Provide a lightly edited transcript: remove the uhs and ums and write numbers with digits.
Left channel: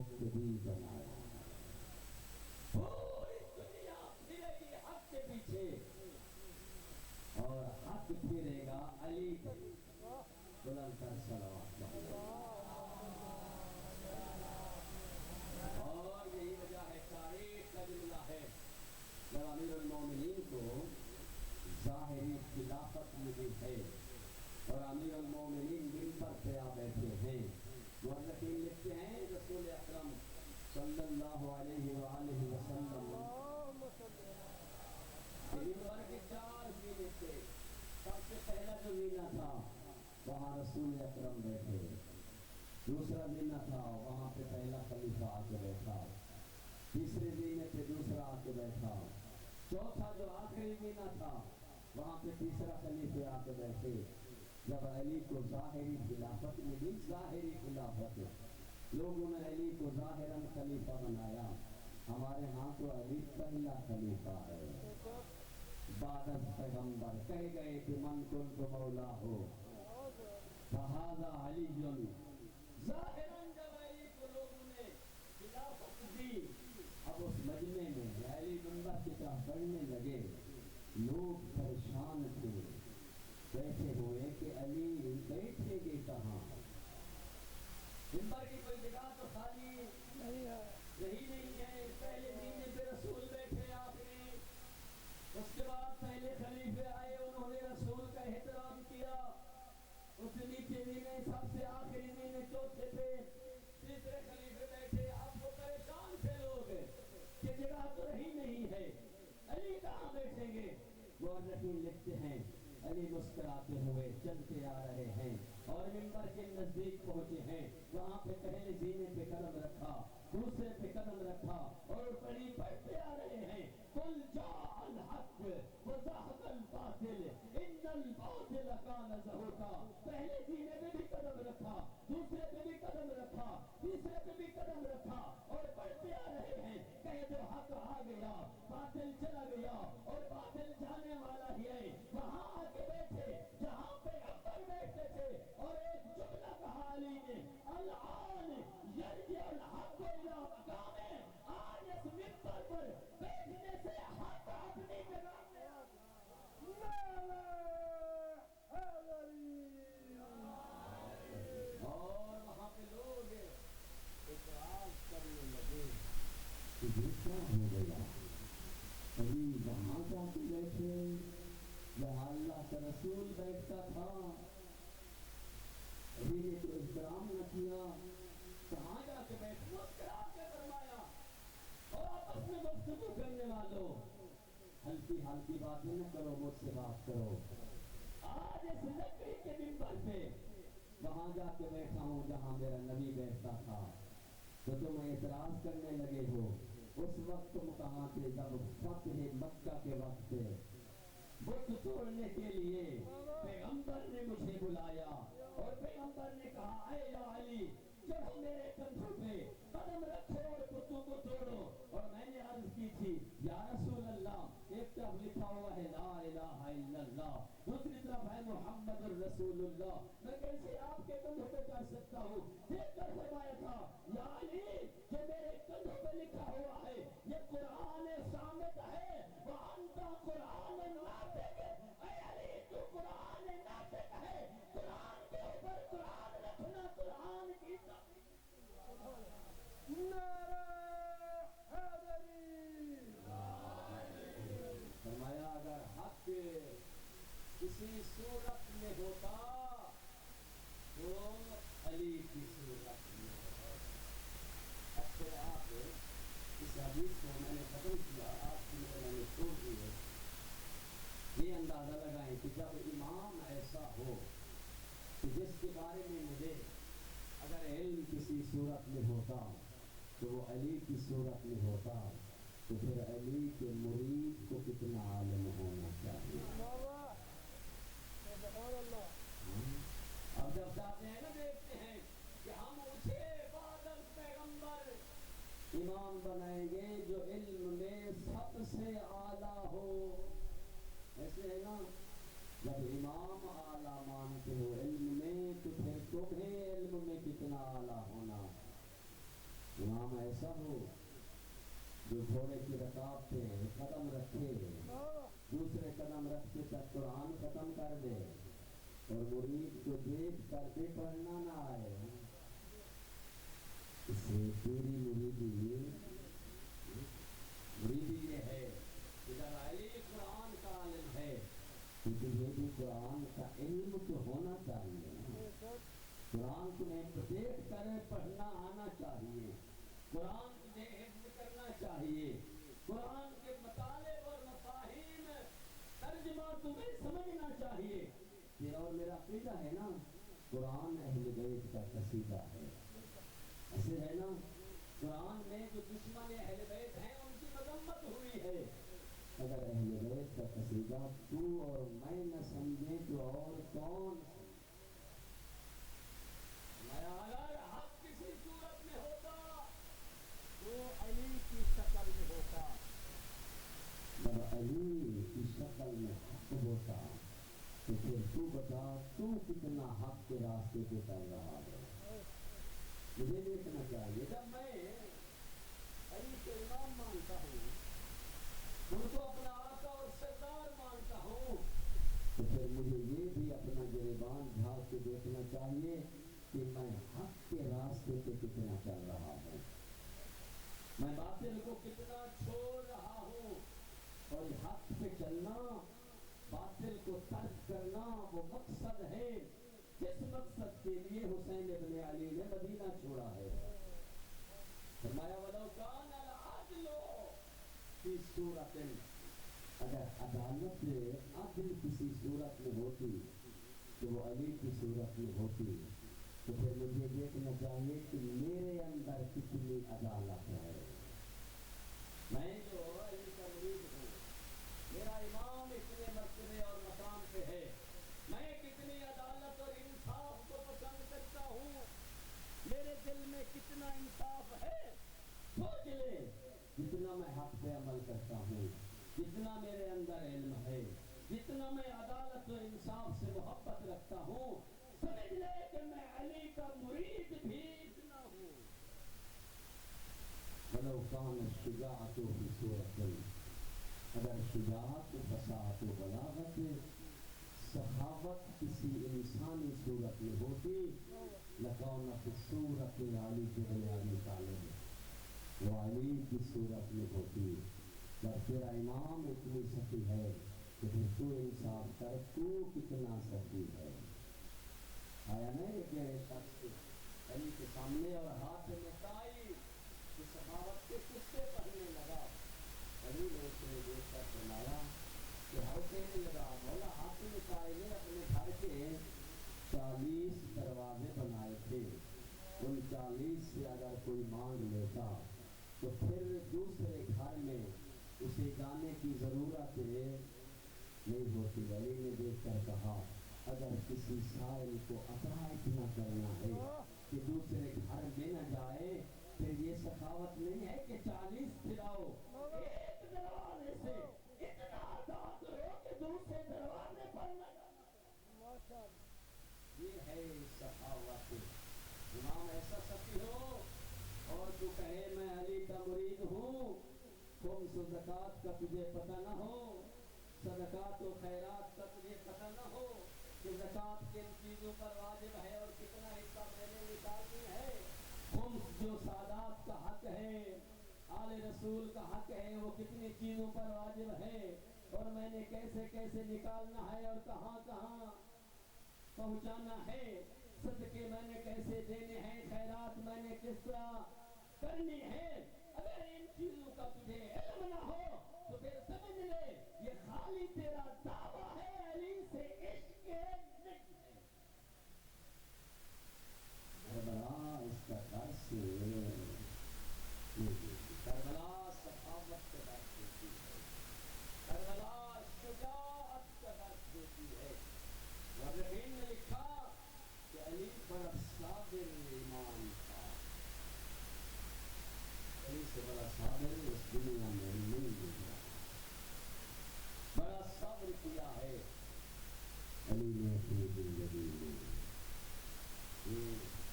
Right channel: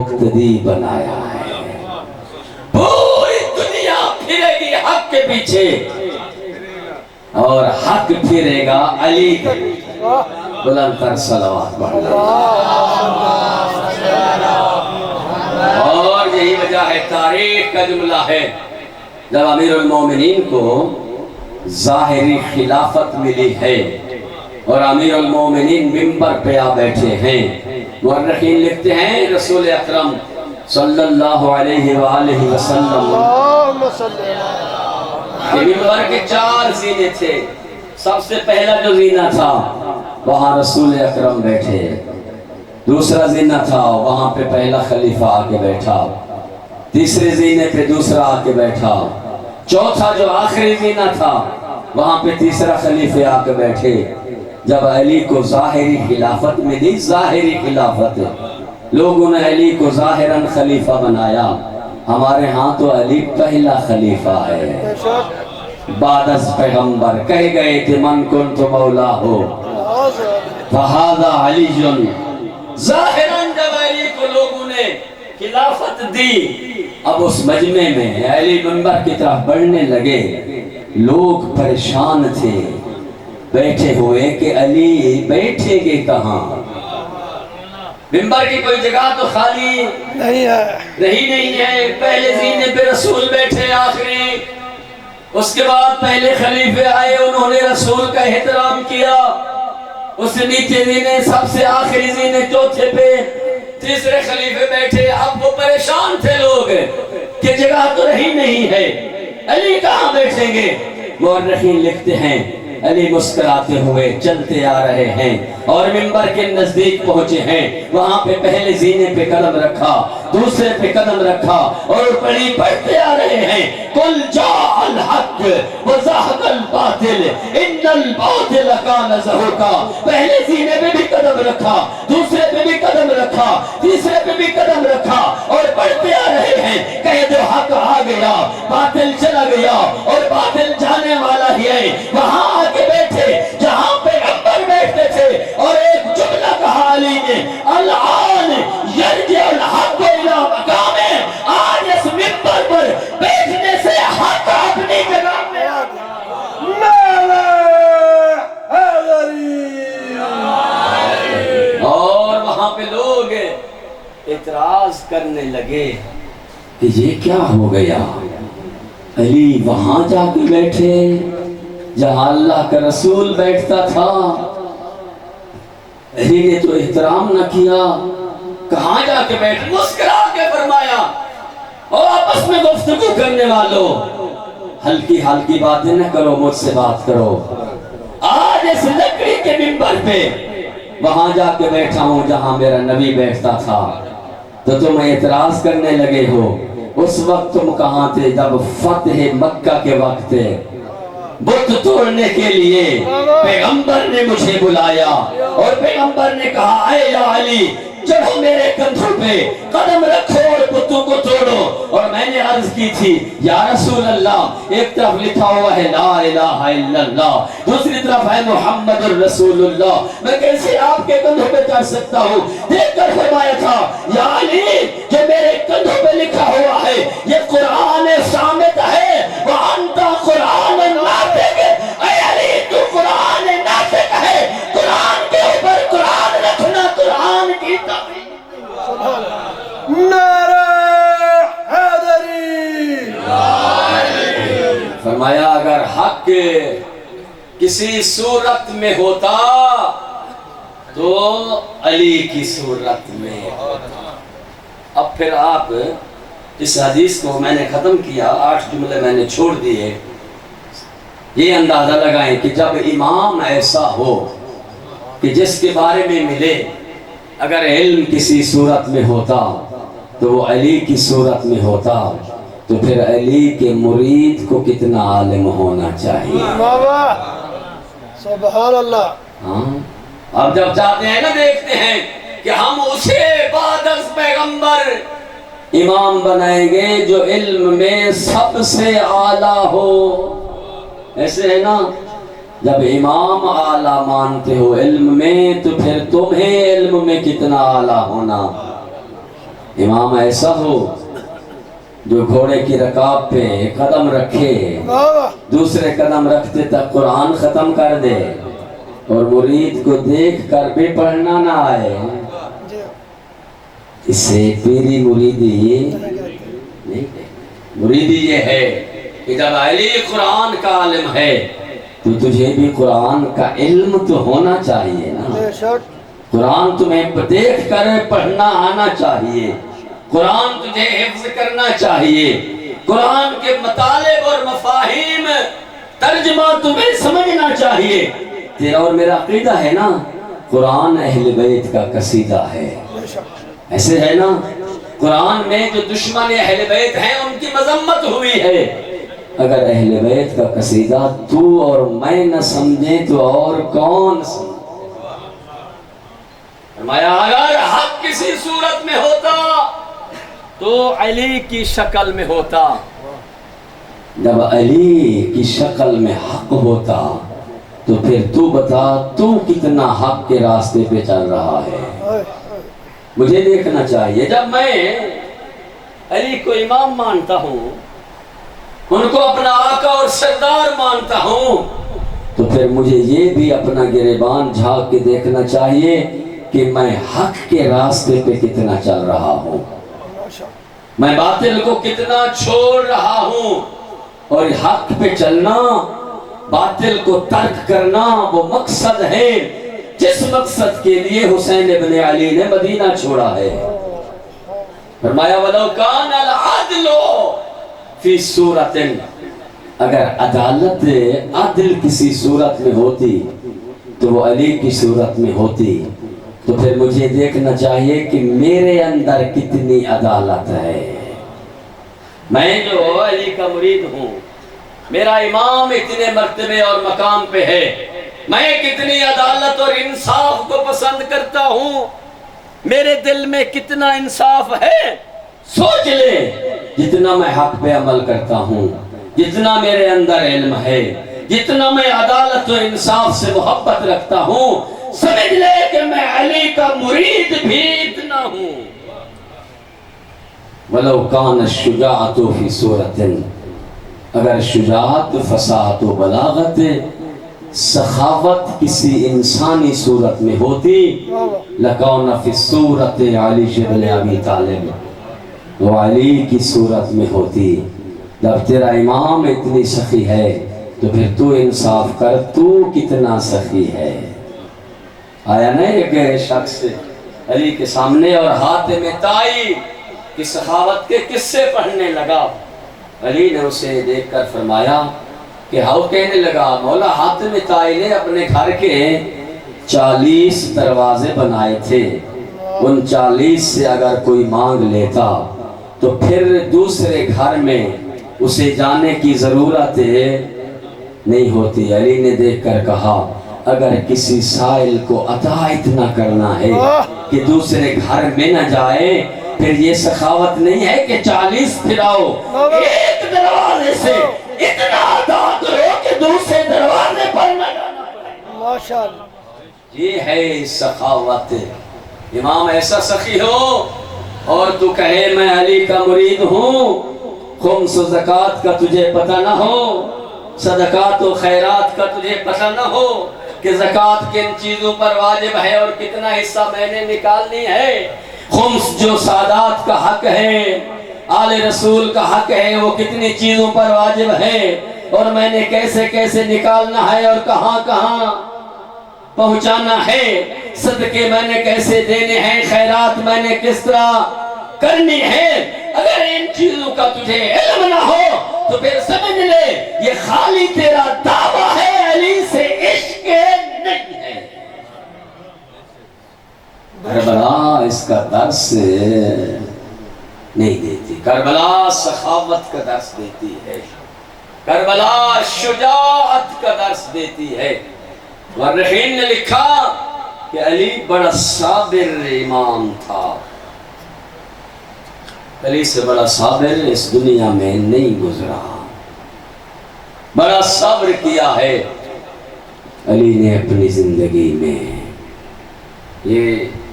मुक्तदी बनाया है। पूरी दुनिया फिरेगी हक के पीछे और हक फिरेगा अली के पीछे। बुलंद तर सलावत पढ़ना। और यही वजह है, तारीख का जुमला है, जब अमीरुल मोमिनीन को ज़ाहिरी खिलाफत मिली है और अमीरुल मोमिनीन मिंबर पे आ बैठे हैं, मुअर्रिखीन लिखते हैं रसूल अकरम सल्लल्लाहु अलैहि वसल्लम के मिंबर के 4 ज़ीने थे। सबसे पहला जो ज़ीना था वहाँ रसूल अकरम बैठे, दूसरा ज़ीना था वहाँ पे पहला खलीफा आके बैठा, तीसरे ज़ीने पे दूसरा आके बैठा, चौथा जो आखिरी ज़ीना था वहाँ पे तीसरा खलीफे आके बैठे। जब अली को ज़ाहिरी खिलाफत मिली, ज़ाहिरी खिलाफत, लोगों ने अली को ज़ाहिरन खलीफा बनाया। हमारे यहाँ तो अली पहला खलीफा है, बादस पैगंबर कह गए थे मन कुन्तु मौला हो फहादा अलीजुन। ज़ाहिरन जब अली को लोगों ने खिलाफत दी, अब उस मजमे में अली मिंबर की तरफ बढ़ने लगे, लोग परेशान थे बैठे हुए कि अली बैठेंगे कहाँ, मिंबर की कोई जगह तो खाली नहीं है। पहले ज़ीने पे रसूल बैठे आखिरी, उसके बाद पहले खलीफे आए, उन्होंने रसूल का एहतराम किया, उससे नीचे ज़ीने सबसे आखिरी ज़ीने चौथे पे तीसरे खलीफे बैठे। अब वो परेशान थे लोग कि जगह तो रही नहीं है, अली कहाँ बैठेंगे। मुअर्रिखीन लिखते हैं अली मुस्कुराते हुए चलते आ रहे हैं और मिंबर के नजदीक पहुंचे हैं। वहां पे पहले ज़ीने पे कदम रखा, दूसरे पे कदम रखा और पढ़ी पढ़ते आ रहे हैं, कुल जाअल हक व ज़हक़ल बातिल इन्नल बातिल कान ज़हूक़ा। पहले ज़ीने पे भी कदम रखा, दूसरे पे भी कदम रखा, तीसरे पे भी कदम रखा और पढ़ते आ रहे हैं, कह दो हक आ गया, बातिल चला गया और बातिल जाने वाला ही है। वहां आके बैठे जहां पे पैगंबर बैठते थे और एक जुमला कहा अली ने, अल-आन यरजिउल हक़ इला मकामे। आज इस मिंबर पर बैठने से हक अपनी जगह में आ गया। और वहां पे लोग इतराज करने लगे कि ये क्या हो गया, अली वहां जाके बैठे जहां अल्लाह का रसूल बैठता था, अली ने तो एहतराम न किया, कहां जाके बैठ। मुस्कुरा के फरमाया, और आपस में गुफ्तगू करने वालों हल्की हल्की बातें न करो, मुझसे बात करो। आज इस लकड़ी के मिंबर पे वहां जाके बैठा हूं जहां मेरा नबी बैठता था, तो तुम एतराज करने लगे हो। उस वक्त तुम कहां थे जब फतेह मक्का के वक्त बुत तोड़ने के लिए पैगंबर ने मुझे बुलाया और पैगंबर ने कहा, ऐ या अली चढ़ो मेरे कंधों पे, कदम रखो और बुतों को तोड़ो। और मैंने अर्ज की थी, या रसूल अल्लाह, एक तरफ लिखा हुआ है ला इलाहा इल्लल्लाह, दूसरी तरफ है मुहम्मदुर रसूलुल्लाह, मैं कैसे आपके कंधों पे चढ़ सकता हूँ। देखकर फरमाया था, या अली जो मेरे कंधों पे लिखा हुआ है ये कुरान सामित है, व अंता कुरान नातिक। ऐ अली तू कुरान नातिक है, कुरान के ऊपर कुरान रखना कुरान की फरमाया, अगर हक किसी सूरत में होता तो अली की सूरत में होता। अब फिर आप इस हदीस को मैंने खत्म किया, 8 जुमले मैंने छोड़ दिए। ये अंदाजा लगाएं कि जब इमाम ऐसा हो कि जिसके बारे में मिले अगर इल्म किसी सूरत में होता तो वो अली की सूरत में होता, तो फिर अली के मुरीद को कितना आलिम होना चाहिए। सुभान अल्लाह। हाँ, अब जब चाहते हैं ना, देखते हैं कि हम उसे बादस पैगंबर इमाम बनाएंगे जो इल्म में सबसे आला हो, ऐसे है ना। जब इमाम आला मानते हो इल्म में, तो फिर तुम्हें इल्म में कितना आला होना। امام ایسا ہو جو گھوڑے کی رکاب پہ قدم رکھے، دوسرے قدم رکھتے تک قرآن ختم کر دے، اور مرید کو دیکھ کر بھی پڑھنا نہ آئے، اسے پیری مریدی نہیں۔ مریدی یہ ہے کہ جب علی قرآن کا عالم ہے تو تجھے بھی قرآن کا علم تو ہونا چاہیے نا، قرآن تمہیں دیکھ کر پڑھنا آنا چاہیے، قرآن تجھے حفظ کرنا چاہیے، قرآن کے مطالب اور مفاہیم ترجمہ تمہیں سمجھنا چاہیے۔ تیرا اور میرا عقیدہ ہے نا قرآن اہل بیت کا قصیدہ ہے، ایسے ہے نا؟ قرآن میں جو دشمن اہل بیت ہیں ان کی مذمت ہوئی ہے، اگر اہل بیت کا قصیدہ تو اور میں نہ سمجھیں تو اور کون سمجھے؟ فرمایا اگر حق کسی صورت میں ہوتا تو علی کی شکل میں ہوتا، جب علی کی شکل میں حق ہوتا تو پھر تو بتا تو کتنا حق کے راستے پہ چل رہا ہے، مجھے دیکھنا چاہیے۔ جب میں علی کو امام مانتا ہوں، ان کو اپنا آقا اور سردار مانتا ہوں، تو پھر مجھے یہ بھی اپنا گریبان جھانک کے دیکھنا چاہیے کہ میں حق کے راستے پہ کتنا چل رہا ہوں، میں باطل کو کتنا چھوڑ رہا ہوں، اور حق پہ چلنا، باطل کو ترک کرنا وہ مقصد ہے جس مقصد کے لیے حسین ابن علی نے مدینہ چھوڑا ہے۔ فرمایا وَلَوْ كَانَ الْعَدْلُ فِي صُورَةٍ، اگر عدالت عدل کسی صورت میں ہوتی تو وہ علی کی صورت میں ہوتی، تو پھر مجھے دیکھنا چاہیے کہ میرے اندر کتنی عدالت ہے۔ میں جو علی کا مرید ہوں، میرا امام اتنے مرتبے اور مقام پہ ہے، میں کتنی عدالت اور انصاف کو پسند کرتا ہوں، میرے دل میں کتنا انصاف ہے، سوچ لے۔ جتنا میں حق پہ عمل کرتا ہوں، جتنا میرے اندر علم ہے، جتنا میں عدالت و انصاف سے محبت رکھتا ہوں، سمجھ لے کہ میں علی کا مرید بھی اتنا ہوں۔ وَلَوْ كَانَ الشُّجَاعَةُ فِي صُورَةٍ، اگر شجاعت، فصاحت و بلاغت، سخاوت کسی انسانی صورت میں ہوتی، لَكَوْنَ فِي الصُّورَةِ عَلِيُّ بْنُ أَبِي طالب، وہ علی کی صورت میں ہوتی۔ جب تیرا امام اتنی سخی ہے تو پھر تو انصاف کر، تو کتنا سخی ہے۔ آیا نا ایک شخص علی کے سامنے اور حاتم طائی کی سخاوت کے قصے پڑھنے لگا، علی نے اسے دیکھ کر فرمایا کہ ہاؤ، کہنے لگا مولا حاتم طائی نے اپنے گھر کے 40 دروازے بنائے تھے، ان 40 سے اگر کوئی مانگ لیتا تو پھر دوسرے گھر میں اسے جانے کی ضرورت نہیں ہوتی۔ علی نے دیکھ کر کہا اگر کسی سائل کو عطا اتنا کرنا ہے کہ دوسرے گھر میں نہ جائے، پھر یہ سخاوت نہیں ہے کہ 40 پھراؤ، ایک دروازے سے اتنا عطا کرو کہ دوسرے دروازے پر نہ جانا پڑے۔ ماشاءاللہ، یہ ہے سخاوت۔ امام ایسا سخی ہو اور تو کہے میں علی کا مرید ہوں، خمس و زکوٰۃ کا تجھے پتہ نہ ہو، صدقات و خیرات کا تجھے پتہ نہ ہو کہ زکوٰۃ کن چیزوں پر واجب ہے اور کتنا حصہ میں نے نکالنی ہے، خمس جو سادات کا حق ہے، آل رسول کا حق ہے، وہ کتنی چیزوں پر واجب ہے اور میں نے کیسے کیسے نکالنا ہے اور کہاں کہاں پہنچانا ہے، صدقے میں نے کیسے دینے ہیں، خیرات میں نے کس طرح کرنی ہے۔ اگر ان چیزوں کا تجھے علم نہ ہو تو پھر سمجھ لے یہ خالی تیرا دعویٰ ہے، علی سے عشق نہیں ہے۔ کربلا اس کا درس نہیں دیتی، کربلا سخاوت کا درس دیتی ہے، کربلا شجاعت کا درس دیتی ہے۔ مورخین نے لکھا کہ علی بڑا صابر امام تھا، علی سے بڑا صابر اس دنیا میں نہیں گزرا، بڑا صبر کیا ہے علی نے اپنی زندگی میں۔ یہ